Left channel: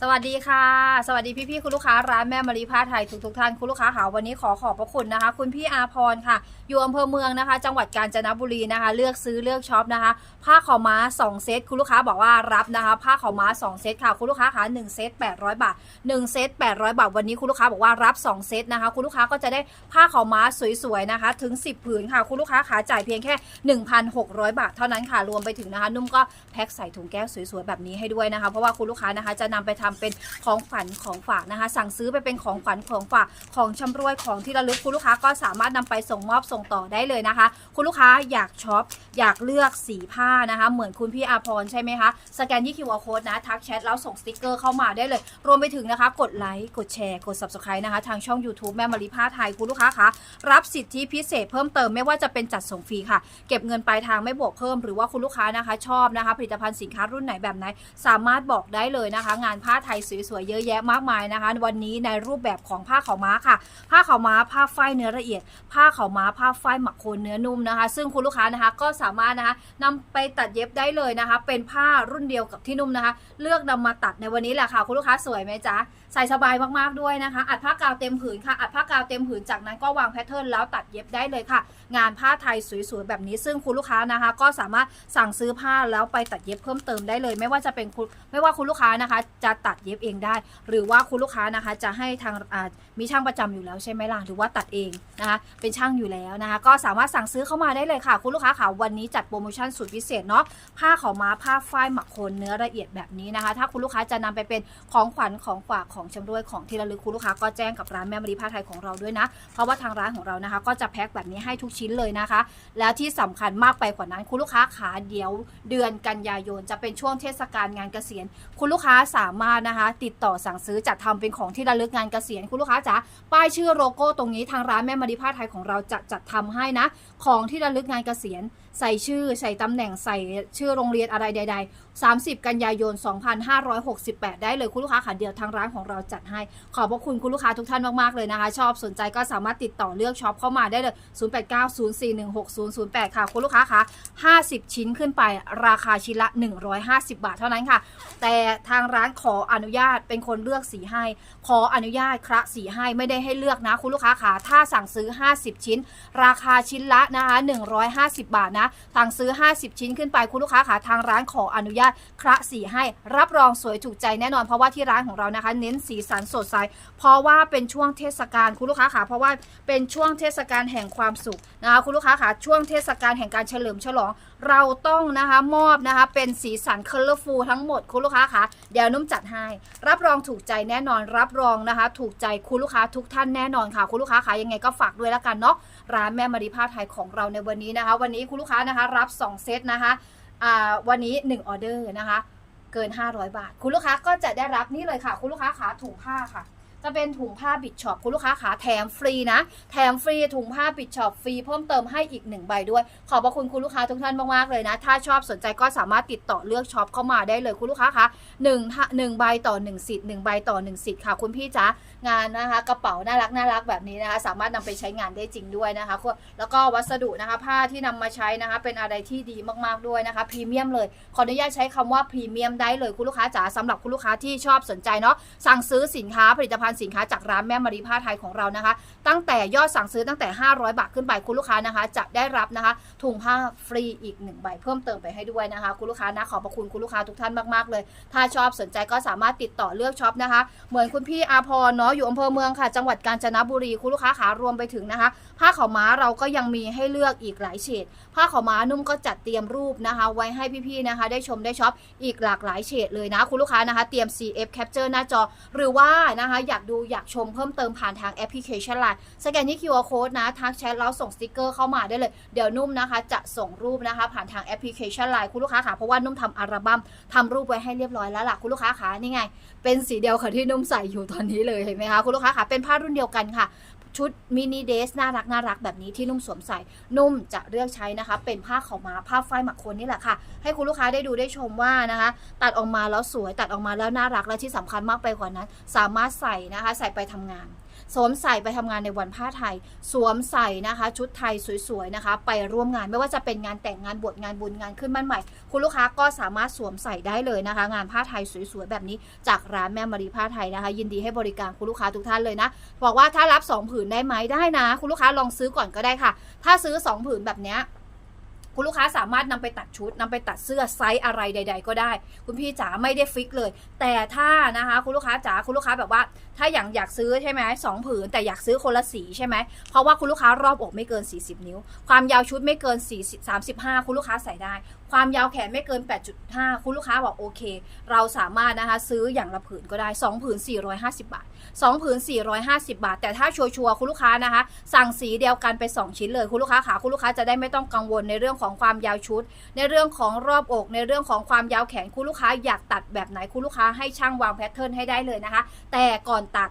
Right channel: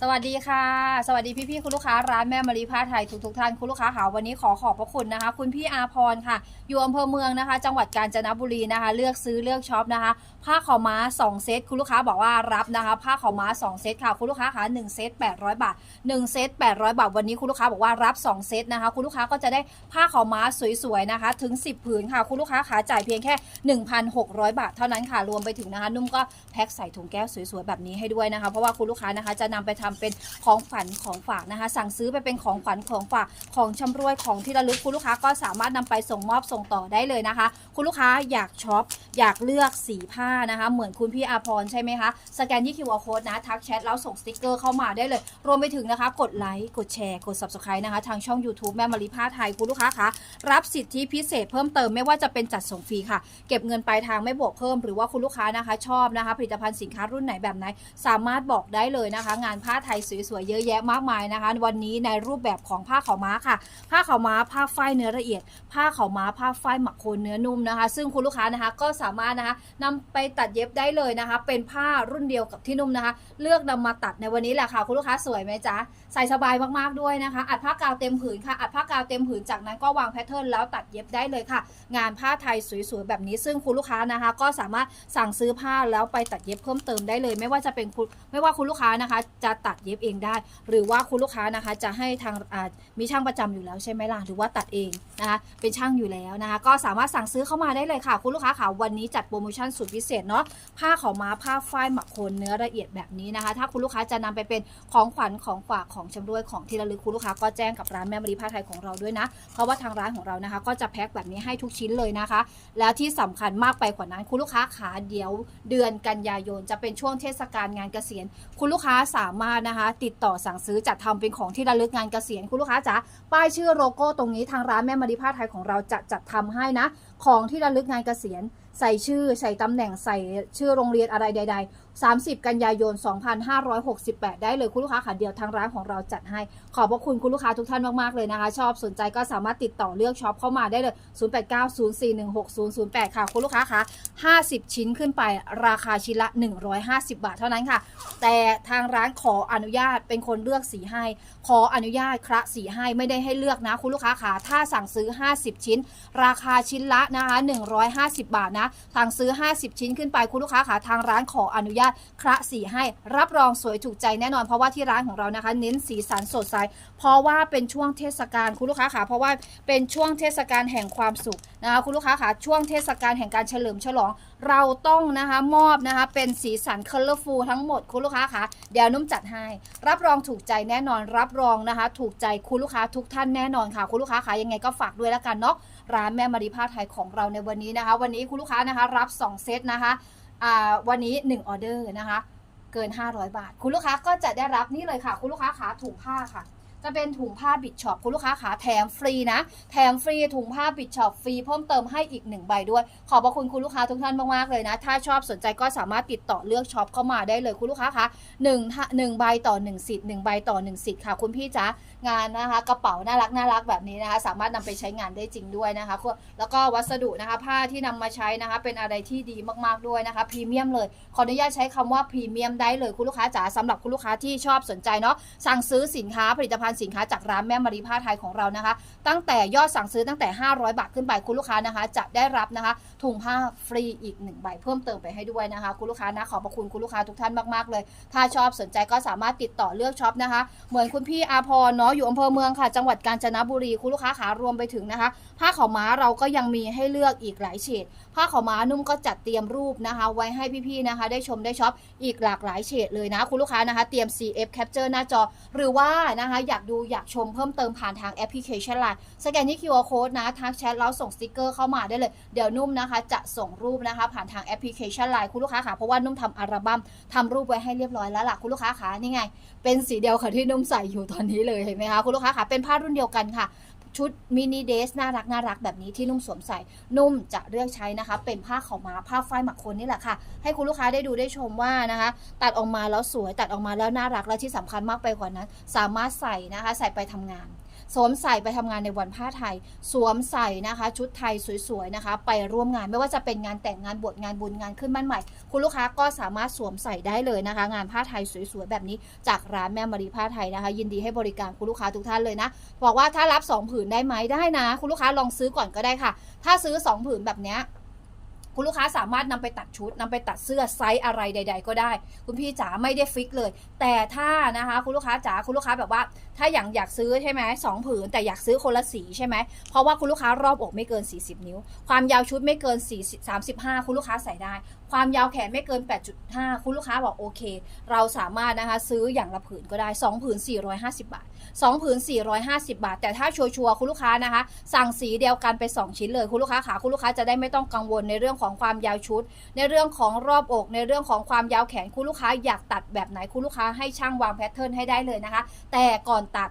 สวัสดีค่ะ สวัสดีพี่ๆคุณลูกค้าร้านแม่มารีผ้าไทยทุกทุกๆท่านคุณลูกค้าค่ะวันนี้ขอขอบพระคุณนะคะ คุณพี่อาพรค่ะ อยู่อำเภอเมืองนะคะ จังหวัดกาญจนบุรีนะคะ เลือกซื้อเลือกช็อปนะคะ ผ้าขาวม้า 2 เซตคุณลูกค้าบอกว่ารับนะคะ ผ้าขาวม้า 2 เซตค่ะ คุณลูกค้าค่ะ1เซต800 บาท 1 เซต800 บาท วันนี้คุณลูกค้าบอกว่ารับ 2 เซตนะคะ คุณลูกค้าก็จะได้ผ้าขาวม้าสวยๆนะคะ ถึง 10 ผืนค่ะ คุณลูกค้าขาจ่ายเพียงแค่ 1,600 บาท เท่านั้นค่ะ รวมไปถึงนะคะ นุ่มก็แพ็คใส่ถุงแก้วสวยๆแบบนี้ให้ด้วยนะคะ เพราะว่าคุณลูกค้านะคะจะนำไปทำเป็นของฝันของฝากนะคะ สั่งซื้อไปเป็นของขวัญของฝากของชำรวยของที่ระลึกคุณลูกค้าก็สามารถนำไปส่งมอบส่งต่อได้เลยนะคะ คุณลูกค้าอยากช็อปอยากเลือกสีผ้านะคะ เหมือนคุณพี่อาพรใช่ไหมคะสแกนที่ QR code นะทักแชทแล้วส่งสติกเกอร์เข้ามาได้เลย รวมไปถึงนะคะ กดไลค์กดแชร์กด subscribe นะคะ ทางช่อง YouTube แม่มารีผ้าไทยคุณลูกค้าคะรับสิทธิพิเศษเพิ่มเติมไม่ว่าจะเป็นจัดส่งฟรีค่ะ เก็บเงินปลายทางไม่บวกเพิ่มหรือว่าคุณลูกค้านะคะ ชอบนะคะ ผลิตภัณฑ์สินค้ารุ่นไหนแบบไหน สามารถบอกได้เลยนะคะ งานผ้าไทยสวยๆเยอะแยะมากมายนะคะ วันนี้ในรูปแบบของผ้าขาวม้าค่ะ ผ้าขาวม้าผ้าฝ้ายเนื้อละเอียด ผ้าขาวม้าผ้าฝ้ายหมักโคนเนื้อนุ่มนะคะ ซึ่งคุณลูกค้านะคะก็สามารถนะคะนำไปตัดเย็บได้เลยนะคะ เป็นผ้ารุ่นเดียวกับที่นุ่มนะคะ เลือกนำมาตัดในวันนี้แหละค่ะ คุณลูกค้าสวยไหมจ๊ะใส่สบายมากๆด้วยนะคะ อัดผ้ากาวเต็มผืนค่ะ อัดผ้ากาวเต็มผืนจากนั้นก็วางแพทเทิร์นแล้วตัดเย็บได้เลยค่ะ งานผ้าไทยสวยๆแบบนี้ซึ่งคุณลูกค้านะคะ ก็สามารถสั่งซื้อผ้าแล้วไปตัดเย็บเพิ่มเติมได้เลย ไม่ว่าจะเป็นคุณไม่ว่าคุณลูกค้านะคะ จะตัดเย็บเองได้ หรือว่าคุณลูกค้านะคะจะให้ทางมีช่างประจำอยู่แล้วใช่ไหมล่ะหรือว่าตัดเองนะคะเป็นช่างอยู่แล้วนะคะก็สามารถสั่งซื้อเข้ามาได้เลยค่ะ คุณลูกค้าค่ะวันนี้จัดโปรโมชั่นสุดพิเศษเนาะผ้าขาวม้าผ้าฝ้ายหมักโคนเนื้อละเอียดแบบนี้นะคะ ถ้าคุณลูกค้าจะนำไปเป็นของขวัญของฝากของชำรวยของที่ระลึกคุณลูกค้าก็แจ้งกับร้านแม่มารีผ้าไทยของเราด้วยนะ เพราะว่าทางร้านของเรานะคะ ก็จะแพ็คแบบนี้ให้ทุกชิ้นเลยนะคะ แล้วที่สำคัญมากไปกว่านั้นคุณลูกค้าขาเดี๋ยวเดือนกันยายนจะเป็นช่วงเทศกาลงานเกษียณ คุณลูกค้าสามารถนะคะ ติดต่อสั่งซื้อจัดทำเป็นของที่ระลึกงานเกษียณคุณลูกค้าจ๋าป้ายชื่อโลโก้ตรงนี้ทางร้านแม่มาริผ้าไทยของเราจะจัดทำให้นะ ของที่ระลึกงานเกษียณ ใส่ชื่อใส่ตำแหน่งใส่ชื่อโรงเรียนอะไรใด ๆ 30 กันยายน 2568 ได้เลยคุณลูกค้าค่ะเดียวทางร้านของเราจัดให้ ขอบพระคุณคุณลูกค้าทุกท่านมากๆเลยนะคะ ชอบสนใจก็สามารถติดต่อเลือกช็อปเข้ามาได้เลย 0890416008 ค่ะ คุณลูกค้าคะ50 ชิ้นขึ้นไปราคาชิ้นละ 150 บาทเท่านั้นค่ะ แต่ทางร้านขออนุญาตเป็นคนเลือกสีให้ ขออนุญาตคระสีให้ไม่ได้ให้เลือกนะ คุณลูกค้าคะถ้าสั่งซื้อ 50 ชิ้น ราคาชิ้นละนะคะ 150 บาทนะสั่งซื้อ 50 ชิ้นขึ้นไปคุณลูกค้าคะทางร้านขออนุญาตคระสีให้รับรองสวยถูกใจแน่นอนเพราะว่าที่ร้านของเรานะคะ เน้นสีสันสดใสเพราะว่าเป็นช่วงเทศกาลคุณลูกค้าค่ะเพราะว่าเป็นช่วงเทศกาลแห่งความสุขนะคะคุณลูกค้าค่ะช่วงเทศกาลแห่งการเฉลิมฉลอง เราต้องนะคะมอบนะคะเป็นสีสัน colorful ทั้งหมดคุณลูกค้าค่ะเดี๋ยวนุ่มจัดให้ รับรองถูกใจแน่นอน รับรองนะคะ ถูกใจคุณลูกค้าทุกท่านแน่นอนค่ะ คุณลูกค้าค่ะยังไงก็ฝากด้วยแล้วกันเนาะร้านแม่มารีผ้าไทยของเราในวันนี้นะคะ วันนี้คุณลูกค้านะคะ รับ 2 เซตนะคะ วันนี้ 1 ออเดอร์นะคะ เกิน 500 บาท คุณลูกค้าก็จะได้รับนี่เลยค่ะ คุณลูกค้าขาถุงผ้าค่ะ จะเป็นถุงผ้าบิดช็อปคุณลูกค้าขาแถมฟรีนะ แถมฟรีถุงผ้าบิดช็อปฟรีเพิ่มเติมให้อีกหนึ่งใบด้วย ขอบพระคุณคุณลูกค้าทุกท่านมากๆเลยนะ ถ้าชอบสนใจก็สามารถติดต่อเลือกช็อปเข้ามาได้เลยคุณลูกค้าคะหนึ่งหนึ่งใบต่อหนึ่งสิทธิ์หนึ่งใบต่อหนึ่งสิทธิ์ค่ะคุณพี่จ๋า งานนะคะกระเป๋าน่ารักน่ารักแบบนี้นะคะสามารถนำไปใช้งานได้จริงด้วยนะคะแล้วก็วัสดุนะคะผ้าที่นำมาใช้นะคะเป็นอะไรที่ดีมากๆด้วยนะคะพรีเมียมเลยขออนุญาตใช้คำว่าพรีเมียมได้เลยคุณลูกค้าจ๋าสำหรับคุณลูกค้าที่ชอบสนใจเนาะสั่งซื้อสินค้าผลิตภัณฑ์สินค้าจากร้านแม่มารีผ้าไทยของเรานะคะ ตั้งแต่ยอดสั่งซื้อตั้งแต่ 500 บาทขึ้นไปคุณลูกค้านะคะ จะได้รับนะคะ ถุงผ้าฟรีอีกหนึ่งใบเพิ่มเติมไปให้ด้วยนะคะ คุณลูกค้านะขอบพระคุณคุณลูกค้าทุกท่านมากๆเลย ถ้าชอบสนใจก็สามารถติดต่อเลือกช็อปนะคะ เหมือนคุณพี่อาพรเนาะอยู่อำเภอเมืองค่ะ จังหวัดกาญจนบุรีคุณลูกค้าขารวมไปถึงนะคะ ผ้าขาวม้าเราก็ยังมีให้เลือกอีกหลายเฉด ผ้าขาวม้านุ่มก็จัดเตรียมรูปนะคะ ไว้ให้พี่ๆนะคะ ได้ชมได้ช็อปอีกหลากหลายเฉดเลยนะ คุณลูกค้านะคะ เตรียม CF Capture หน้าจอ หรือว่านะคะอยากดูอยากชมเพิ่มเติมผ่านทางแอปพลิเคชันไลน์สแกนที่ QR Code นะทักแชทแล้วส่งสติกเกอร์เข้ามาได้เลย เดี๋ยวนุ่มนะคะ จะส่งรูปนะคะ ผ่านทางแอปพลิเคชันไลน์คุณลูกค้าค่ะเพราะว่านุ่มทำอัลบั้มทำรูปไว้ให้เรียบร้อยแล้วล่ะคุณลูกค้าค่ะนี่ไง เป็นสีเดียวค่ะที่นุ่มใส่อยู่ตอนนี้เลยเห็นไหมคะคุณลูกค้าค่ะเป็นผ้ารุ่นเดียวกันค่ะ ชุดมินิเดสน่ารักน่ารักแบบนี้ที่นุ่มสวมใส่ นุ่มจะเลือกใช้นะคะ เป็นผ้าขาวม้าผ้าฝ้ายหมักคนนี่แหละค่ะ ให้คุณลูกค้าได้ดูได้ชมว่านะคะ ตัดออกมาแล้วสวยตัดออกมาแล้วน่ารักและที่สำคัญมากไปกว่านั้น สามารถใส่นะคะ ใส่ไปทำงาน สวมใส่ไปทำงานในวันผ้าไทย สวมใส่นะคะ ชุดไทยสวยๆนะคะ ไปร่วมงานไม่ว่าจะเป็นงานแต่งงานบวชงานบุญงานขึ้นบ้านใหม่ คุณลูกค้าก็สามารถสวมใส่ได้เลยนะคะ งานผ้าไทยสวยๆแบบนี้จากร้านแม่มารีผ้าไทยนะคะ ยินดีให้บริการคุณลูกค้าทุกท่านเลยนะบอกว่าถ้ารับ 2 ผืนได้ไหมได้นะ คุณลูกค้าลองซื้อก่อนก็ได้ค่ะ ถ้าซื้อ 2 ผืนแบบเนี้ย คุณลูกค้าสามารถนำไปตัดชุดนำไปตัดเสื้อไซส์อะไรใด ๆ ก็ได้ คุณพี่จ๋าไม่ได้ฟิกเลย แต่ถ้านะคะคุณลูกค้าจ๋าคุณลูกค้าแบบว่า ถ้าอย่างอยากซื้อใช่ไหมสองผืน แต่อยากซื้อคนละสีใช่ไหมเพราะว่าคุณลูกค้ารอบอกไม่เกิน 40 นิ้ว ความยาวชุดไม่เกิน4 35 คุณลูกค้าใส่ได้ ความยาวแขนไม่เกิน 8.5 คุณลูกค้าบอกโอเค เราสามารถนะคะซื้ออย่างละผืนก็ได้ 2 ผืน 450 บาท 2ผืน450 บาท แต่ถ้าชัวร์ๆคุณลูกค้านะคะ สั่งสีเดียวกันไป 2 ชิ้นเลยคุณลูกค้าขาคุณลูกค้าจะได้ไม่ต้องกังวลในเรื่องของความยาวชุด ในเรื่องของรอบอก ในเรื่องของความยาวแขนคุณลูกค้าอยากตัดแบบไหนคุณลูกค้าให้ช่างวางแพทเทิร์นให้ได้เลยนะคะ แต่ก่อนตัด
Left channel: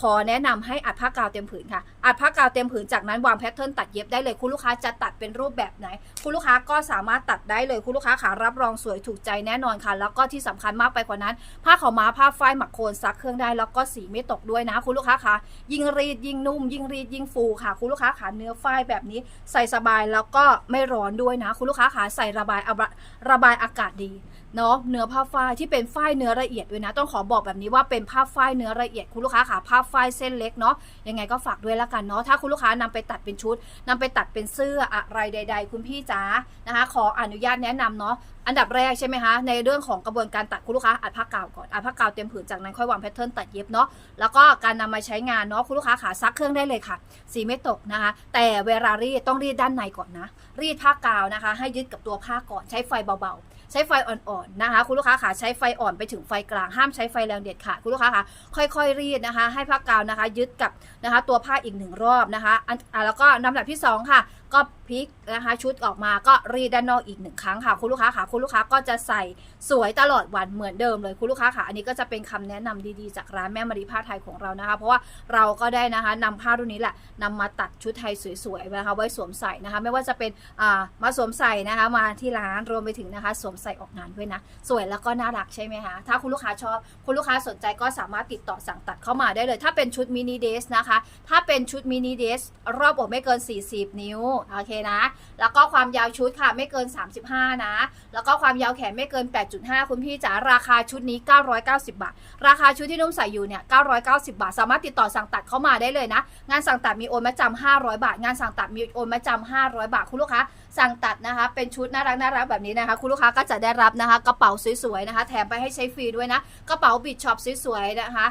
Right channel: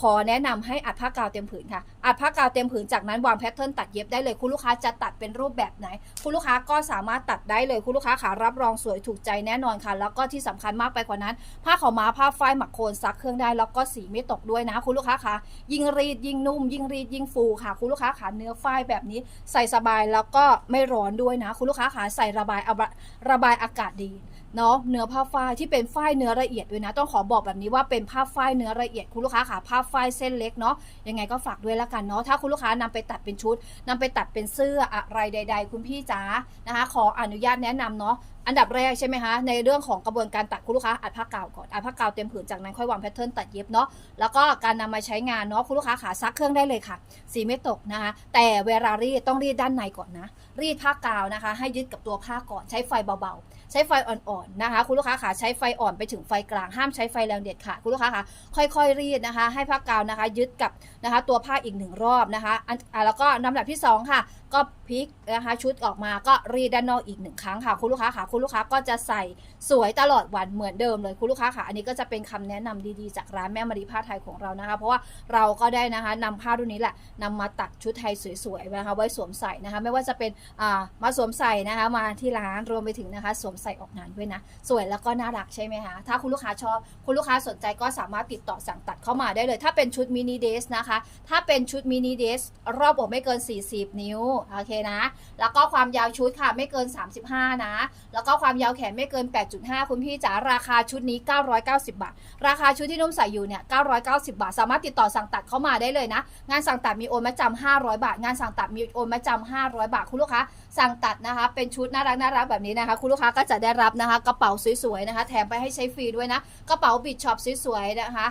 ขอแนะนำให้อัดผ้ากาวเต็มผืนค่ะ อัดผ้ากาวเต็มผืนจากนั้นวางแพทเทิร์นตัดเย็บได้เลยคุณลูกค้าจะตัดเป็นรูปแบบไหน คุณลูกค้าก็สามารถตัดได้เลยคุณลูกค้าขารับรองสวยถูกใจแน่นอนค่ะ แล้วก็ที่สำคัญมากไปกว่านั้น ผ้าขาวม้าผ้าฝ้ายหมักโคนซักเครื่องได้แล้วก็สีไม่ตกด้วยนะ คุณลูกค้าคะยิ่งรีดยิ่งนุ่ม ยิ่งรีดยิ่งฟูค่ะ คุณลูกค้าขาเนื้อฝ้ายแบบนี้ใส่สบายแล้วก็ไม่ร้อนด้วยนะ คุณลูกค้าขาใส่ระบายระบายอากาศดี เนาะเนื้อผ้าฝ้ายที่เป็นฝ้ายเนื้อละเอียดด้วยนะ ต้องขอบอกแบบนี้ว่าเป็นผ้าฝ้ายเนื้อละเอียดคุณลูกค้าค่ะผ้าฝ้ายเส้นเล็กเนาะยังไงก็ฝากด้วยล้วกันเนาะถ้าคุณลูกค้านำไปตัดเป็นชุดนำไปตัดเป็นเสื้ออะไรใด ๆ คุณพี่จ๋านะคะ ขออนุญาตแนะนำเนาะอันดับแรกใช่ไหมคะในเรื่องของกระบวนการตัดคุณลูกค้าอัดผ้ากาวก่อนอัดผ้ากาวเต็มผืนจากนั้นค่อยวางแพทเทิร์นตัดเย็บเนาะแล้วก็การนำมาใช้งานเนาะคุณลูกค้าขาซักเครื่องได้เลยค่ะ สีไม่ตกนะคะ แต่เวลารีดต้องรีดด้านในก่อนนะ รีดผ้ากาวนะคะ ให้ยึดกับตัวผ้าก่อนใช้ไฟเบาๆ ใช้ไฟอ่อนๆนะคะ คุณลูกค้าขาใช้ไฟอ่อนไปถึงไฟกลางห้ามใช้ไฟแรงเด็ดขาดคุณลูกค้าคะค่อยๆรีดนะคะ ให้ผ้ากาวนะคะ ยึดกับนะคะ ตัวผ้าอีกหนึ่งรอบนะคะอันอะแล้วก็ลำดับที่สองค่ะ ก็พลิกนะคะ ชุดออกมาก็รีดด้านนอกอีกหนึ่งครั้งค่ะ คุณลูกค้าค่ะคุณลูกค้าก็จะใส่สวยตลอดวันเหมือนเดิมเลยคุณลูกค้าค่ะอันนี้ก็จะเป็นคำแนะนำดีๆ จากร้านแม่มารีผ้าไทยของเรานะคะ เพราะว่าเราก็ได้นะคะนำผ้ารุ่นนี้แหละนำมาตัดชุดไทยสวยๆนะคะไว้สวมใส่นะคะ ไม่ว่าจะเป็นอ่ามาสวมใส่นะคะมาที่ร้านรวมไปถึงนะคะสวมใส่ออกงานด้วยนะ สวยแล้วก็น่ารักใช่ไหมคะถ้าคุณลูกค้าชอบคุณลูกค้าสนใจก็สามารถติดต่อสั่งตัดเข้ามาได้เลย ถ้าเป็นชุดมินิเดสนะคะ ถ้าเป็นชุดมินิเดสรอบอกไม่เกิน 40 นิ้วโอเคนะ แล้วก็ความยาวชุดค่ะไม่เกิน 35 นะ แล้วก็ความยาวแขนไม่เกิน 8.5 คุณพี่จ๋าราคาชุดนี้ 990 บาท ราคาชุดที่นุ่มใส่อยู่เนี่ย 990 บาท สามารถติดต่อสั่งตัดเข้ามาได้เลยนะ งานสั่งตัดมีโอนมาจำ500 บาท งานสั่งตัดมีโอนมาจำ500 บาทคุณลูกค้า สั่งตัดนะคะ เป็นชุดน่ารักน่ารักแบบนี้นะคะ คุณลูกค้าก็จะได้รับนะคะ กระเป๋าสวยๆนะคะ แถมไปให้ใช้ฟรีด้วยนะ กระเป๋าบิดช็อปสวยๆนะคะ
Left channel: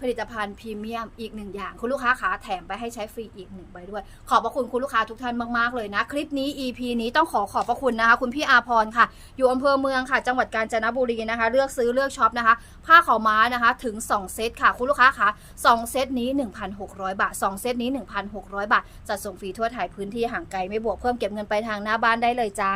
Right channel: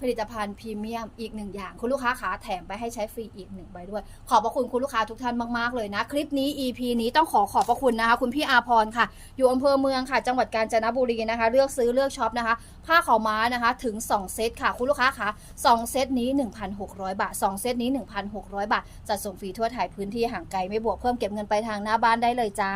ผลิตภัณฑ์พรีเมียมอีกหนึ่งอย่าง คุณลูกค้าขาแถมไปให้ใช้ฟรีอีกหนึ่งใบด้วย ขอบพระคุณคุณลูกค้าทุกท่านมากๆเลยนะ คลิปนี้ EP นี้ต้องขอขอบพระคุณนะคะ คุณพี่อาพรค่ะ อยู่อำเภอเมืองค่ะ จังหวัดกาญจนบุรีนะคะ เลือกซื้อเลือกช็อปนะคะ ผ้าขาวม้านะคะถึง 2 เซตค่ะ คุณลูกค้าคะ2เซตนี้ 1,600 บาท 2 เซตนี้ 1,600 บาทจัดส่งฟรีทั่วไทยพื้นที่ห่างไกลไม่บวกเพิ่มเก็บเงินไปทางหน้าบ้านได้เลยจ้า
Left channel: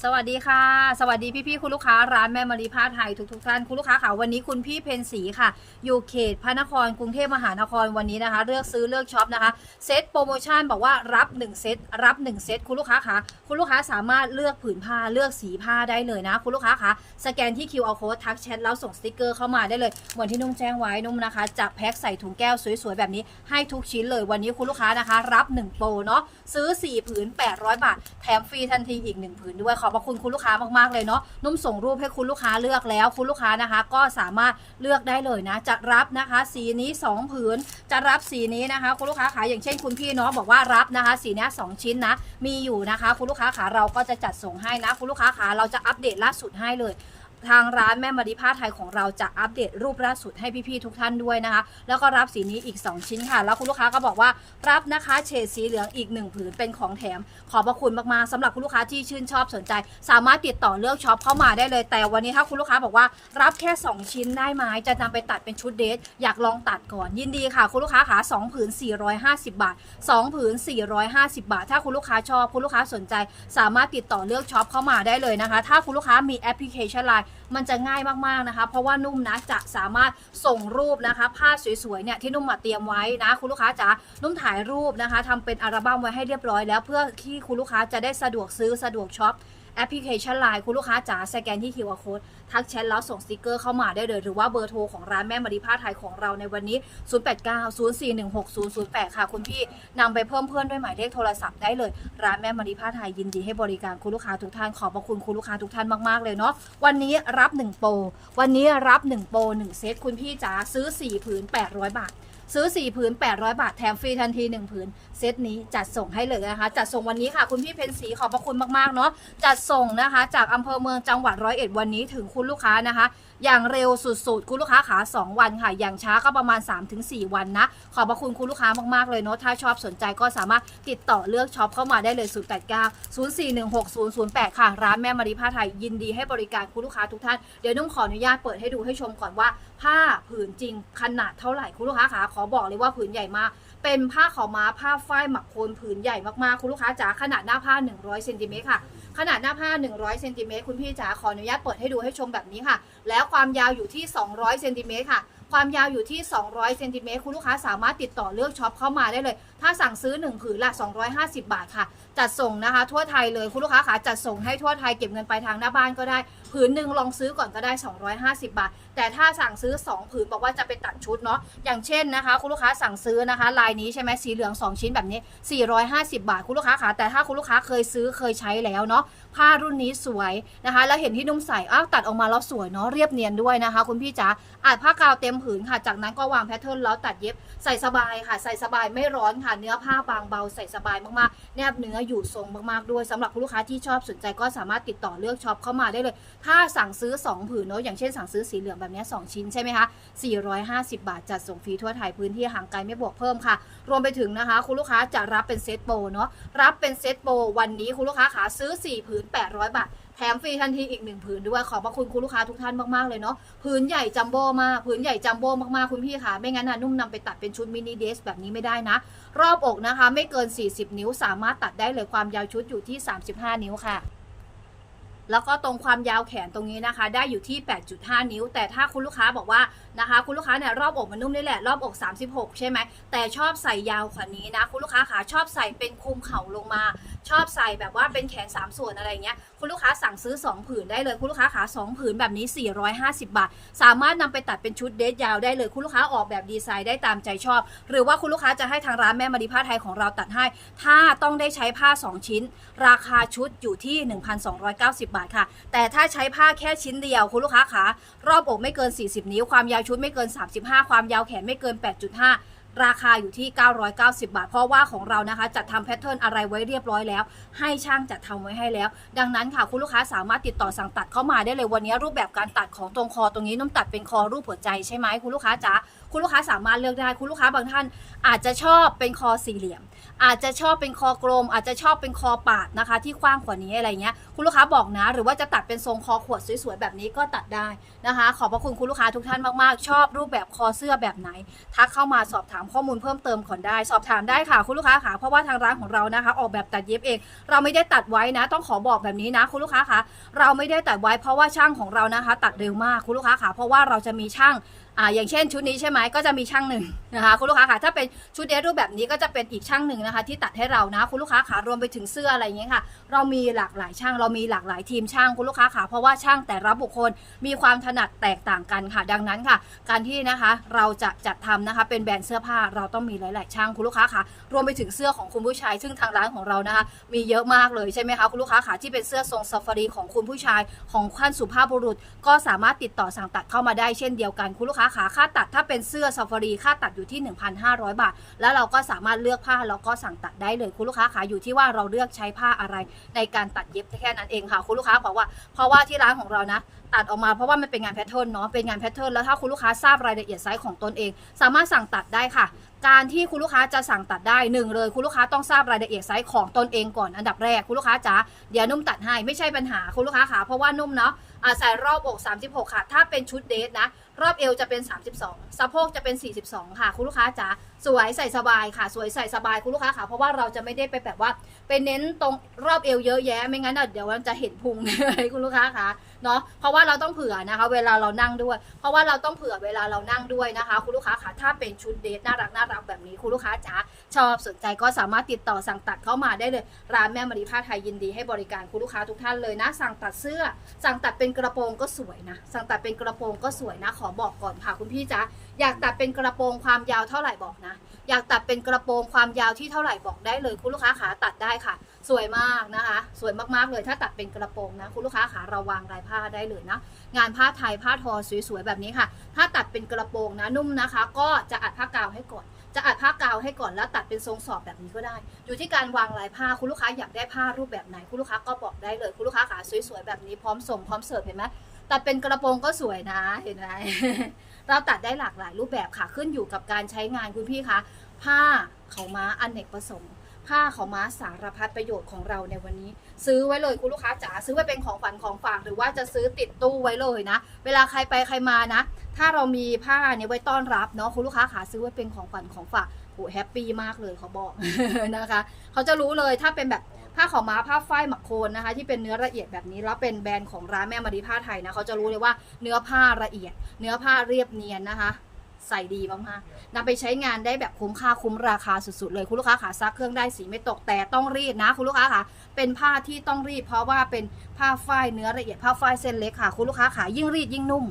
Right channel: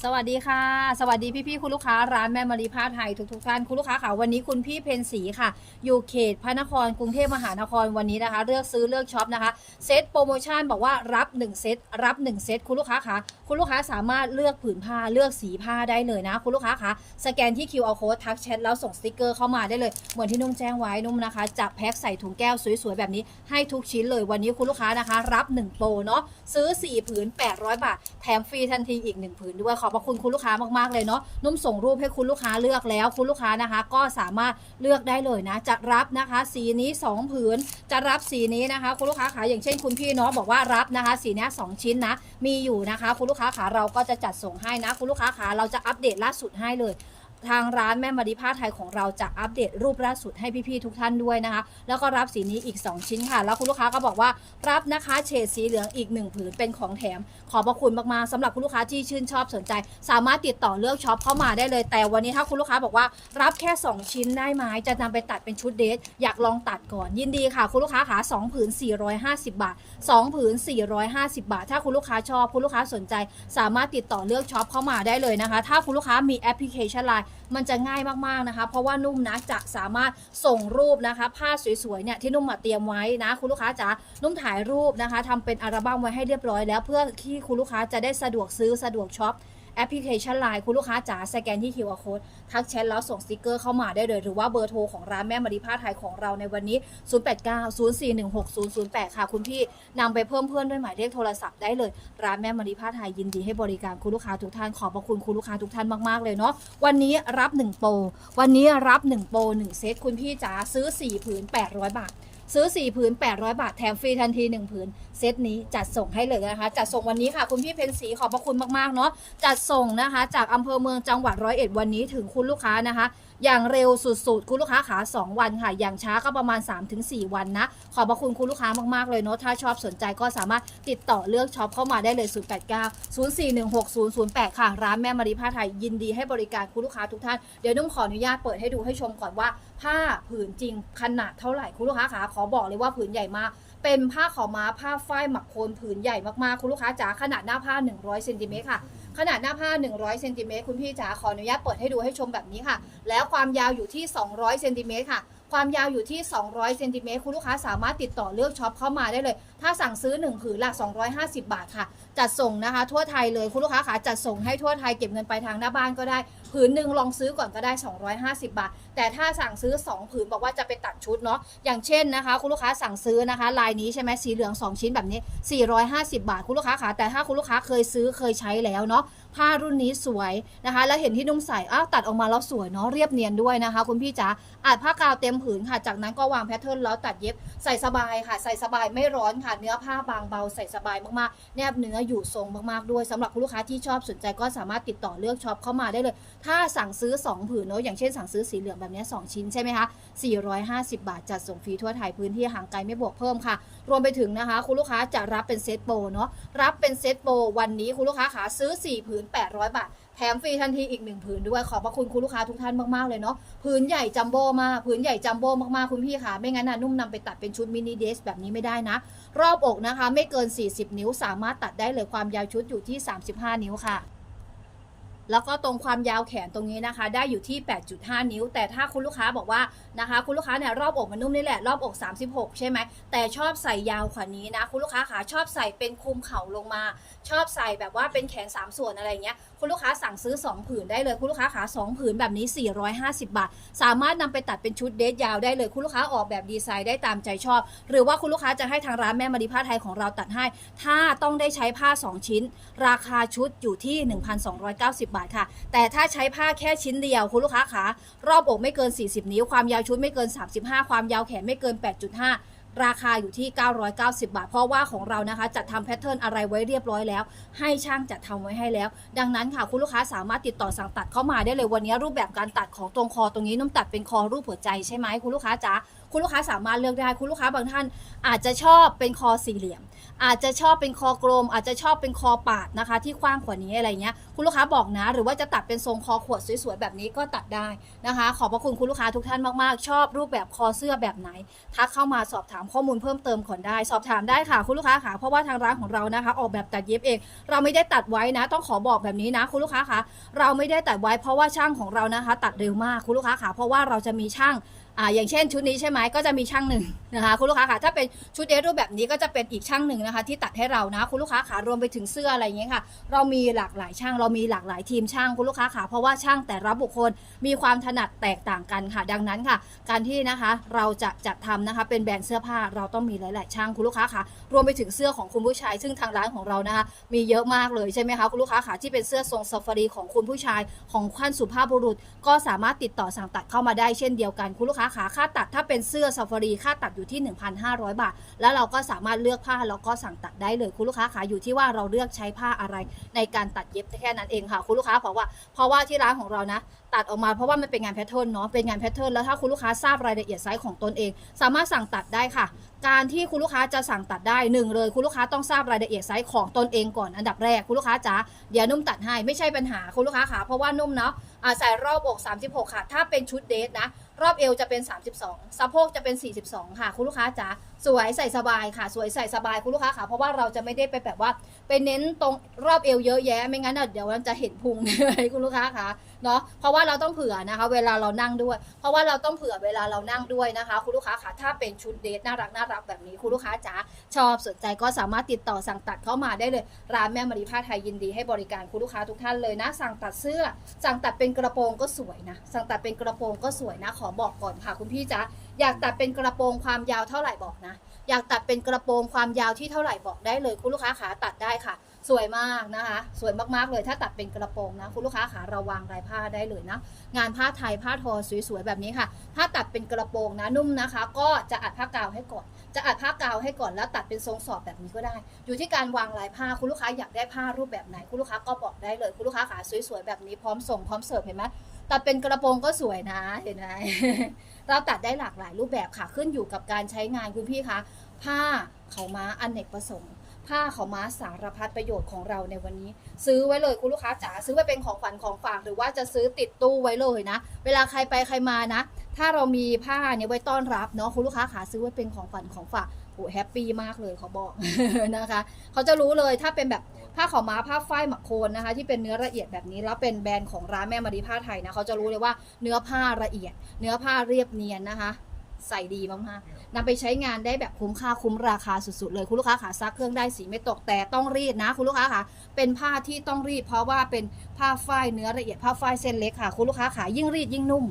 สวัสดีค่ะ สวัสดีพี่ๆคุณลูกค้าร้านแม่มารีผ้าไทยทุกๆท่านคุณลูกค้าค่ะวันนี้คุณพี่เพนสีค่ะ อยู่เขตพระนครกรุงเทพมหานครวันนี้นะคะ เลือกซื้อเลือกช็อปนะคะเซตโปรโมชั่นบอกว่ารับ 1 เซตรับ 1 เซตคุณลูกค้าค่ะคุณลูกค้าสามารถเลือกผืนผ้าเลือกสีผ้าได้เลยนะ คุณลูกค้าค่ะสแกนที่ QR code ทักแชทแล้วส่งสติกเกอร์เข้ามาได้เลยเหมือนที่นุ่มแจ้งไว้นุ่มนะคะจับแพ็คใส่ถุงแก้วสวยๆแบบนี้ให้ทุกชิ้นเลยวันนี้คุณลูกค้านะคะ รับ 1 โปรเนาะซื้อ 4 ผืน 800 บาท แถมฟรีทันทีอีก 1 ผืนด้วยขอบพระคุณคุณลูกค้ามากๆเลยเนาะนุ่มส่งรูปให้คุณลูกค้าเลือกแล้ว คุณลูกค้านะคะ ก็สามารถเลือกได้เลยนะ จะรับนะคะ สีนี้ 2 ผืน จะรับสีนี้นะคะ คุณลูกค้าขาอย่างเช่นคุณพี่เนาะบอกว่ารับนะคะ สีเนี้ยสองชิ้นนะ มีอยู่นะคะ คุณลูกค้าขาเราก็จะจัดส่งให้นะ คุณลูกค้าขาเราจะอัปเดตล่าสุดให้เลย ทางร้านแม่มาริผ้าไทยของเราจะอัปเดตรูปล่าสุดให้พี่ๆทุกท่านด้วยนะคะ แล้วก็รับสีนี้อีก 2 ชิ้นค่ะ แล้วคุณลูกค้าก็บอกว่ารับนะคะเฉดสีเหลืองอีก 1 ผืนเป็นของแถม ขอบพระคุณมากๆสำหรับคุณลูกค้าที่ชื่นชอบสนใจ สามารถติดต่อเลือกช็อปเข้ามาได้เลย แต่วันนี้ถ้าคุณลูกค้าบอกว่ารับแค่ 2 ชิ้นได้ไหมจะนำไปตัดเป็นชุดเดทอยากลองตัดก่อนยินดีค่ะ คุณลูกค้าขา2ผืน 450 บาท 2 ผืน 450 บาท ถ้าคุณลูกค้าชอบคุณลูกค้าสนใจ สามารถติดต่อเลือกช็อปเข้ามาได้เลยนะคะ ถ้าคุณลูกค้ามีแอปพลิเคชันไลน์มันจะง่ายมากๆนะคะ เพราะว่านุ่มนะจะสามารถส่งรูปนะคะผ้าสวยๆเนี่ยที่นุ่มมาเตรียมไว้นะ คุณลูกค้าจ๋านุ่มถ่ายรูปนะคะทำเป็นอัลบั้มไว้ให้เรียบร้อยแล้วเพื่อที่คุณลูกค้าจะได้สะดวกซื้อสะดวกช็อป แอปพลิเคชันไลน์คุณลูกค้าจ๋าสแกนที่ QR code ทักแชทแล้วส่งสติกเกอร์เข้ามาได้เลย หรือว่าเบอร์โทรของร้านแม่มารีผ้าไทยของเราในวันนี้ 0890416008 ค่ะ คุณพี่นำไปเพิ่มเพื่อนด้วยหมายเลขโทรศัพท์ได้เลย ร้านแม่มารีผ้าไทยยินดีให้บริการคุณลูกค้าทุกท่านขอบพระคุณคุณลูกค้าทุกท่านมากๆเลยเนาะวันนี้รับ 1 โปรวันนี้รับ 1 โปร1เซตคุณพี่จ๋าซื้อ 4 ผืน 800 บาทซื้อ 4 ผืน 800 บาท แถมฟรีทันที 1 ผืน เซตนี้จัดส่งให้เลยนะคะ จัดส่งวันนี้ค่ะ คุณพี่เพนสีขอบพระคุณมากๆเนาะจัดส่งนะคะ จากอำเภอเมืองจังหวัดร้อยเอ็ดวันนี้ถึงคุณลูกค้านะคะ อย่างเร็วสุดๆ คุณลูกค้าขา 2 วันค่ะ อย่างช้าก็ประมาณ 3-4 วันนะ ขอบพระคุณคุณลูกค้ามากๆเลยเนาะถ้าชอบสนใจก็สามารถติดต่อเลือกช็อปเข้ามาได้เลย 089 0416 008 ค่ะ ร้านแม่มารีผ้าไทยยินดีให้บริการคุณลูกค้าทุกท่านเดี๋ยวนุ่มขออนุญาตเปิดให้ดูให้ชมก่อนว่าผ้าผืนจริงขนาดเท่าไหร่คุณลูกค้าขาขอบอกเลยว่าผืนใหญ่มาก เป็นผ้าขาวม้าผ้าฝ้ายหมักโคนผืนใหญ่มากๆ คุณลูกค้าจ๋าขนาดหน้าผ้า 100เซนติเมตรค่ะ ขนาดหน้าผ้า 100เซนติเมตรคุณพี่จ๋าขออนุญาตเปิดให้ดูให้ชมแบบนี้ค่ะ แล้วความยาวอยู่ที่ 200เซนติเมตรค่ะ ความยาวอยู่ที่ 200เซนติเมตรคุณลูกค้าสามารถติดต่อเลือกช็อปเข้ามาได้เลย ถ้าสั่งซื้อ1ผืนละ250 บาทค่ะ จัดส่งนะคะ ทั่วไทยเลยคุณลูกค้าขาจัดส่งให้ทั่วไทยเก็บเงินปลายทางหน้าบ้านก็ได้ ผืนหนึ่งลองซื้อก่อนก็ได้ 250 บาท แต่ถ้าสั่งซื้อ 2 ผืนบอกว่าจะไปตัดชุดเนาะอย่างเช่นนะคะ คุณลูกค้าสั่งซื้อนะคะ ลายนี้ใช่ไหมสีเหลือง 2 ชิ้นแบบนี้ 450 บาท คุณลูกค้าขาแต่ถ้าคุณลูกค้าเคยซื้อเคยใช้แล้วเนาะ ผ้ารุ่นนี้สวยนะคะ แล้วเห็นที่นุ่มใส่อ้าวตัดออกมาแล้วสวยเนาะเรียบเนียนด้วยนะคะ คุณพี่จ๋าอาจผ้ากาวเต็มผืนค่ะ จากนั้นก็วางแพทเทิร์นแล้วตัดเย็บใส่สบายค่ะ ใส่สบายไม่ร้อนค่ะ เนื้อผ้าบางเบาใส่สบายมากๆ แนบเนื้ออยู่ทรงมากๆด้วยสำหรับคุณลูกค้าที่ชอบสนใจก็สามารถติดต่อเลือกช็อปเข้ามาได้เลย ถ้าสั่งซื้อ 2 ผืนเนาะอย่างเช่นสั่งซื้อสีเหลืองแบบนี้2ชิ้นใช่ไหมคะ450 บาทจัดส่งฟรีทั่วไทยพื้นที่ห่างไกลไม่บวกเพิ่มค่ะ รวมไปถึงนะคะ คุณลูกค้าจะรับเป็นเซตโปรเนาะรับเป็นเซตโปรวันนี้คุณลูกค้าขาซื้อ 4 ผืน800 บาท แถมฟรีทันทีอีก1ผืนด้วยขอบพระคุณคุณลูกค้าทุกท่านมาก ๆ เลยเนาะผืนใหญ่จัมโบ้มากผืนใหญ่จัมโบ้มาก ๆ คุณพี่ค่ะ ไม่งั้นนะนุ่มนำไปตัดเป็นชุดมินิเดสแบบนี้ไม่ได้นะ รอบอกนะคะ ไม่เกิน 40 นิ้วสามารถตัดได้เลยความยาวชุดอยู่ที่ 35 นิ้วค่ะ แล้วก็ตรงความยาวแขนตรงนี้นะคะ ได้อยู่ที่ 8.5 นิ้ว แต่ถ้าคุณลูกค้าบอกว่านะคะ คุณลูกค้าเนี่ยรอบอกมันนุ่มนี่แหละ รอบอก 36 ใช่ไหม แต่ชอบใส่ยาวกว่านี้นะ คุณลูกค้าขาชอบใส่เป็นคลุมเข่าลงมา ชอบใส่แบบว่าเป็นแขน 3 ส่วนอะไรเงี้ย คุณลูกค้าสั่งซื้อ 2 ผืนได้เลยคุณลูกค้าขา2ผืนแบบนี้ 450 บาท สามารถนำไปตัดเป็นชุดเดทยาวได้เลย คุณลูกค้าออกแบบดีไซน์ได้ตามใจชอบ หรือว่าคุณลูกค้าจะให้ทางร้านแม่มารีผ้าไทยของเราตัดให้ ถ้าต้องได้ใช้ผ้า 2 ชิ้น ราคาชุดอยู่ที่ 1,290 บาทค่ะ แต่ถ้าใช้ผ้าแค่ชิ้นเดียวคุณลูกค้าขารอบอกไม่เกิน 40 นิ้วความยาวชุดไม่เกิน 35 ความยาวแขนไม่เกิน 8.5 ราคาอยู่ที่ 990 บาท เพราะว่าของเรานะคะจัดทำแพทเทิร์นอะไรไว้เรียบร้อยแล้ว ให้ช่างจัดทำไว้ให้แล้ว ดังนั้นค่ะคุณลูกค้าสามารถติดต่อสั่งตัดเข้ามาได้เลยวันนี้รูปแบบการตัดของตรงคอตรงนี้นุ่มตัดเป็นคอรูปหัวใจใช่ไหมคุณลูกค้าจ๋าคุณลูกค้าสามารถเลือกได้คุณลูกค้าบางท่าน อาจจะชอบเป็นคอสี่เหลี่ยม อาจจะชอบเป็นคอกลม อาจจะชอบเป็นคอปาดนะคะ ที่กว้างกว่านี้อะไรเงี้ยคุณลูกค้าบอกนะ หรือว่าจะตัดเป็นทรงคอขวดสวยๆแบบนี้ก็ตัดได้นะคะ ขอบพระคุณคุณลูกค้าทุกท่านมากๆ ชอบรูปแบบคอเสื้อแบบไหน ทักเข้ามาสอบถามข้อมูลเพิ่มเติมก่อนได้ สอบถามได้ค่ะคุณลูกค้าค่ะเพราะว่าทางร้านของเรานะคะ ออกแบบตัดเย็บเอง เราไม่ได้ตัดไว้นะ ต้องขอบอกแบบนี้นะคุณลูกค้าค่ะเราไม่ได้ตัดไว้เพราะว่าช่างของเรานะคะ ตัดเร็วมากคุณลูกค้าค่ะเพราะว่าเราจะมีช่างอ่าอย่างเช่นชุดนี้ใช่ไหมก็จะมีช่างหนึ่งนะคะคุณลูกค้าค่ะถ้าเป็นชุดเดรสรูปแบบนี้ก็จะเป็นอีกช่างหนึ่งนะคะ ที่ตัดให้เรานะคุณลูกค้าค่ะรวมไปถึงเสื้ออะไรอย่างเงี้ยค่ะ เรามีหลากหลายช่างเรามีหลากหลายทีมช่างคุณลูกค้าค่ะเพราะว่าช่างแต่ละบุคคลมีความถนัดแตกต่างกันค่ะ ดังนั้นค่ะ การที่นะคะเราจะจัดทำนะคะเป็นแบรนด์เสื้อผ้าเราต้องมีหลาย ๆ ช่างคุณลูกค้าค่ะ รวมไปถึงเสื้อของคุณผู้ชาย ซึ่งทางร้านของเรานะคะมีเยอะมากเลยใช่ไหมคะคุณลูกค้าค่ะที่เป็นเสื้อทรงซาฟารีของคุณผู้ชายของขั้นสุภาพบุรุษ ก็สามารถติดต่อสั่งตัดเข้ามาได้เช่นเดียวกันคุณลูกค้าขาค่าตัดถ้าเป็นเสื้อซาฟารีค่าตัดอยู่ที่ 1,500 บาท แล้วเราก็สามารถเลือกผ้าแล้วก็สั่งตัดได้เลยคุณลูกค้าขาอยู่ที่ว่าเราเลือกใช้ผ้าอะไร ในการตัดเย็บแค่นั้นเองค่ะ คุณลูกค้าบอกว่าเพราะว่าที่ร้านของเรานะ ตัดออกมาเพราะว่ามันเป็นงานแพทเทิร์นเนาะเป็นงานแพทเทิร์นแล้วถ้าคุณลูกค้าทราบรายละเอียดไซส์ของตนเอง สามารถสั่งตัดได้ค่ะ การที่คุณลูกค้าจะสั่งตัดได้หนึ่งเลย คุณลูกค้าต้องทราบรายละเอียดไซส์ของตนเองก่อนอันดับแรกคุณลูกค้าจ๋าเดี๋ยวนุ่มตัดให้ไม่ใช่ปัญหาคุณลูกค้าค่ะเพราะว่านุ่มเนาะ อาใส่รอบอก 36 ค่ะ ถ้าเป็นชุดเดทนะ รอบเอวจะเป็น 32 สะโพกจะเป็น 42 ค่ะ คุณลูกค้าจ๋าสวยใส่สบายค่ะ สวยใส่สบายคุณลูกค้าค่ะ เพราะว่าเราจะไม่ได้ไปแบบว่า ไปเน้นตรงรอบเอวเยอะแยะ ไม่งั้นเดี๋ยวมันจะเห็นพุงเลยคุณลูกค้าค่ะ เนาะเพราะว่าเราต้องเผื่อนะคะ เวลาเรานั่งด้วย เพราะว่าเราต้องเผื่อเวลาเรานั่งด้วยนะคะ คุณลูกค้าค่ะถ้าเป็นชุดเดทน่ารักน่ารักแบบนี้คุณลูกค้าจ๋าชอบสนใจก็สามารถติดต่อสั่งตัดเข้ามาได้เลยร้านแม่มารีผ้าไทยยินดีให้บริการคุณลูกค้าทุกท่านเลยนะ สั่งตัดเสื้อ สั่งตัดเป็นกระโปรงก็สวยนะ สั่งตัดเป็นกระโปรงก็สวยนะ ขอบอกก่อนค่ะ คุณพี่จ๋าอยากตัดเป็นกระโปรงความยาวเท่าไหร่บอกนะอยากตัดเป็นกระโปรงความยาวที่เท่าไหร่บอกได้เลยคุณลูกค้าขาตัดได้ค่ะ สวยมากนะคะ สวยมากๆเลยถ้าตัดเป็นกระโปรงนะ คุณลูกค้าขาราวางลายผ้าได้เลยนะ งานผ้าไทยผ้าทอสวยๆแบบนี้ค่ะ ถ้าตัดเป็นกระโปรงนะนุ่มนะคะ ก็จะอัดผ้ากาวให้ก่อนจะอัดผ้ากาวให้ก่อนแล้วตัดเป็นทรงสอบแบบนี้ก็ได้ อยู่ที่การวางลายผ้าคุณลูกค้าอยากได้ผ้ารูปแบบไหน คุณลูกค้าก็บอกได้เลย คุณลูกค้าขาสวยๆแบบนี้พร้อมส่งพร้อมเสิร์ฟเห็นไหมตัดเป็นกระโปรงก็สวยนะเห็นไหมเราตัดได้หลากหลายรูปแบบค่ะขึ้นอยู่กับการใช้งานคุณพี่คะผ้าเขาม้าอนเนกประสงค์ ผ้าขาวม้าสารพัดประโยชน์ของเราในวันนี้ ซื้อไว้เลยคุณลูกค้าจ๋าซื้อไว้เป็นของขวัญของฝากหรือว่าจะซื้อติดตู้ไว้เลยนะ เวลาใครไปใครมานะ ถ้าเรามีผ้าเนี่ยไว้ต้อนรับเนาะคุณลูกค้าขาซื้อไว้เป็นของขวัญของฝากโอ้แฮปปี้มากเลยเขาบอกนะคะ เขาจะรู้เลยถ้าเป็นแบบผ้าขาวม้าผ้าฝ้ายหมักโคนนะคะ ที่เป็นเนื้อละเอียดแบบนี้แล้วเป็นแบรนด์ของร้านแม่มารีผ้าไทยนะเขาจะรู้เลยว่าเนื้อผ้าละเอียด เนื้อผ้าเรียบเนียนนะคะ ใส่ดีมากๆนำไปใช้งานได้แบบคุ้มค่าคุ้มราคาสุดๆเลยคุณลูกค้าขาซักเครื่องได้สีไม่ตกแต่ต้องรีดนะ คุณลูกค้าขาเป็นผ้าที่ต้องรีด เพราะว่าเป็นผ้าฝ้ายเนื้อละเอียดผ้าฝ้ายเส้นเล็กค่ะ คุณลูกค้าขายิ่งรีดยิ่งนุ่ม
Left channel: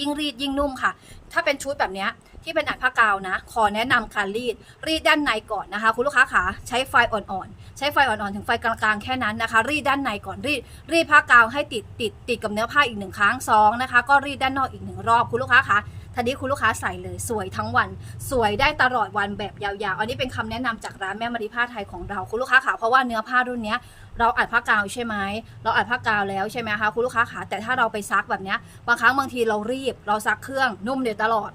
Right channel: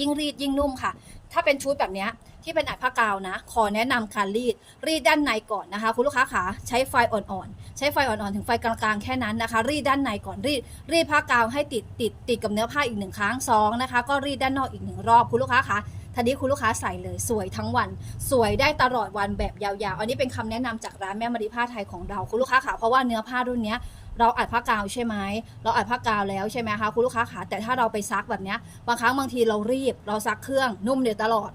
ยิ่งรีดยิ่งนุ่มค่ะ ถ้าเป็นชุดแบบนี้ที่เป็นอัดผ้ากาวนะ ขอแนะนำการรีด รีดด้านในก่อนนะคะ คุณลูกค้าขาใช้ไฟอ่อนๆ ใช้ไฟอ่อนๆ ถึงไฟกลางๆ แค่นั้นนะคะ รีดด้านในก่อน รีด รีดผ้ากาวให้ติดติดติดกับเนื้อผ้าอีกหนึ่งครั้งสองนะคะ ก็รีดด้านนอกอีกหนึ่งรอบ คุณลูกค้าคะ ทีนี้คุณลูกค้าใส่เลยสวยทั้งวัน สวยได้ตลอดวันแบบยาวๆ อันนี้เป็นคำแนะนำจากร้านแม่มารีผ้าไทยของเรา คุณลูกค้าขาเพราะว่าเนื้อผ้ารุ่นนี้ เราอัดผ้ากาวใช่ไหมเราอัดผ้ากาวแล้วใช่ไหมคะคุณลูกค้าขาแต่ถ้าเราไปซักแบบนี้บางครั้งบางทีเรารีบ เราซักเครื่องนุ่มเดี๋ยวตลอด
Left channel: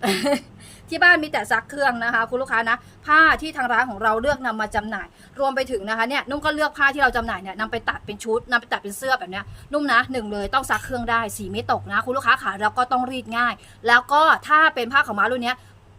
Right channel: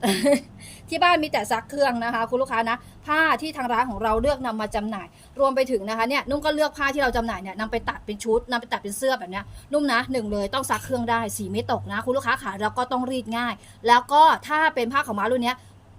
ที่บ้านมีแต่ซักเครื่องนะคะ คุณลูกค้านะ ผ้าที่ทางร้านของเราเลือกนำมาจำหน่าย รวมไปถึงนะคะเนี่ยนุ่มก็เลือกผ้าที่เราจำหน่ายเนี่ยนำไปตัดเป็นชุดนำไปตัดเป็นเสื้อแบบนี้นุ่มนะหนึ่งเลยต้องซักเครื่องได้สีไม่ตกนะ คุณลูกค้าขาแล้วก็ต้องรีดง่าย แล้วก็ถ้าเป็นผ้าขาวม้ารุ่นเนี้ย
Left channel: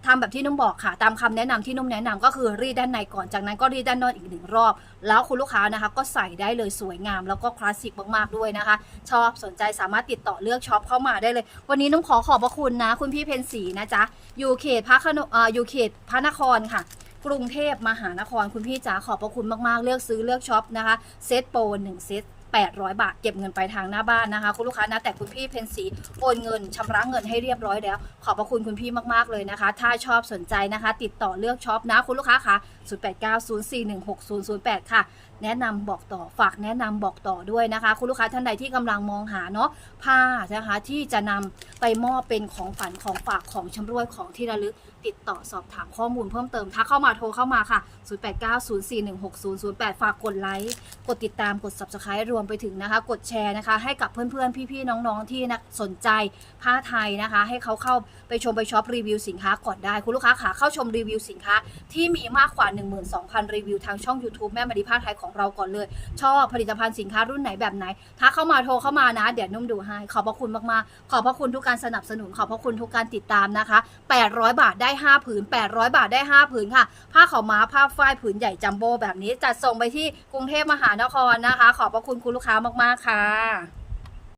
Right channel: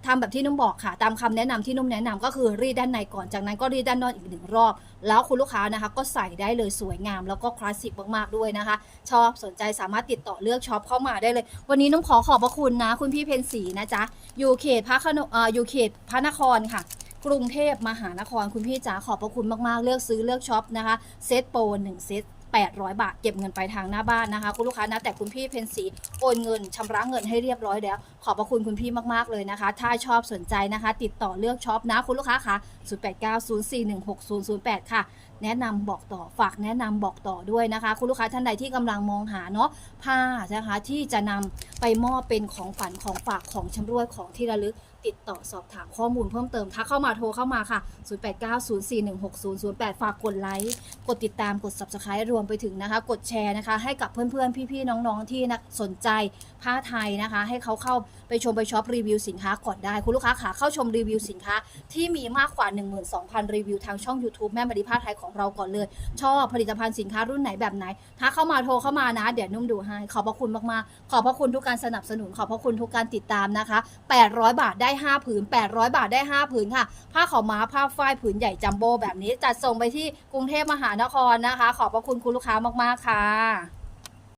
ทำแบบที่นุ่มบอกค่ะ ตามคำแนะนำที่นุ่มแนะนำก็คือรีดด้านในก่อนจากนั้นก็รีดด้านนอกอีกหนึ่งรอบ แล้วคุณลูกค้านะคะ ก็ใส่ได้เลยสวยงาม แล้วก็คลาสสิกมากๆด้วยนะคะ ชอบสนใจสามารถติดต่อเลือกช็อปเข้ามาได้เลย วันนี้นุ่มขอขอบพระคุณนะ คุณพี่เพนสีนะจ๊ะอยู่เขตพระขนอ่ออยู่เขตพระนครค่ะกรุงเทพมหานครคุณพี่จ๋าขอบพระคุณมากๆ เลือกซื้อเลือกช็อปนะคะ เซตโปรหนึ่งเซต 800 บาท เก็บเงินไปทางหน้าบ้านนะคะ คุณลูกค้านะแต่คุณพี่เพนสีโอนเงินชำระเงินให้เรียบร้อยแล้ว ขอบพระคุณคุณพี่มากๆเลยนะคะ ถ้าชอบสนใจนะคะ ติดต่อเลือกช็อปนะคุณลูกค้าคะ0890416008 ค่ะแนะนำบอกต่อฝากแนะนำบอกต่อด้วยนะคะ คุณลูกค้าท่านใดที่กำลังมองหาเนาะผ้านะคะที่จะนำไปมอบเป็นของฝันของฝากของชำร่วยของที่ระลึก ติดต่อสอบถามข้อมูลเพิ่มเติมถ้าเข้ามาโทรเข้ามาค่ะ 0890416008 ฝากกดไลค์ กดติดตาม กด subscribe รวมไปถึงนะคะ กดแชร์นะคะ ให้กับเพื่อนๆ พี่ๆ น้องๆ ที่นะสนใจผ้าไทยนะคะ ให้เขาเข้าไปชมไปช็อปรีวิวสินค้าก่อนได้ คุณลูกค้าขาเข้าชมรีวิวสินค้า ที่มีมากกว่า 12,000 รีวิวทางช่อง YouTube แม่มารีผ้าไทยของเราก่อนเลย ชอบผลิตภัณฑ์สินค้ารุ่นไหนแบบไหนถ้าเข้ามาโทรเข้ามานะ เดี๋ยวนุ่มดูให้ ขอบพระคุณมากๆ ขอบพระคุณทุกการสนับสนุน ขอบพระคุณทุกการติดตามนะคะ 800 บาทได้5ผืน800 บาทได้ 5 ผืนค่ะ ผ้าขาวม้าผ้าฝ้ายผืนใหญ่จัมโบ้แบบนี้จัดส่งไปที่กรุงเทพมหานครนะคะ ขอบพระคุณคุณลูกค้ามากๆค่ะ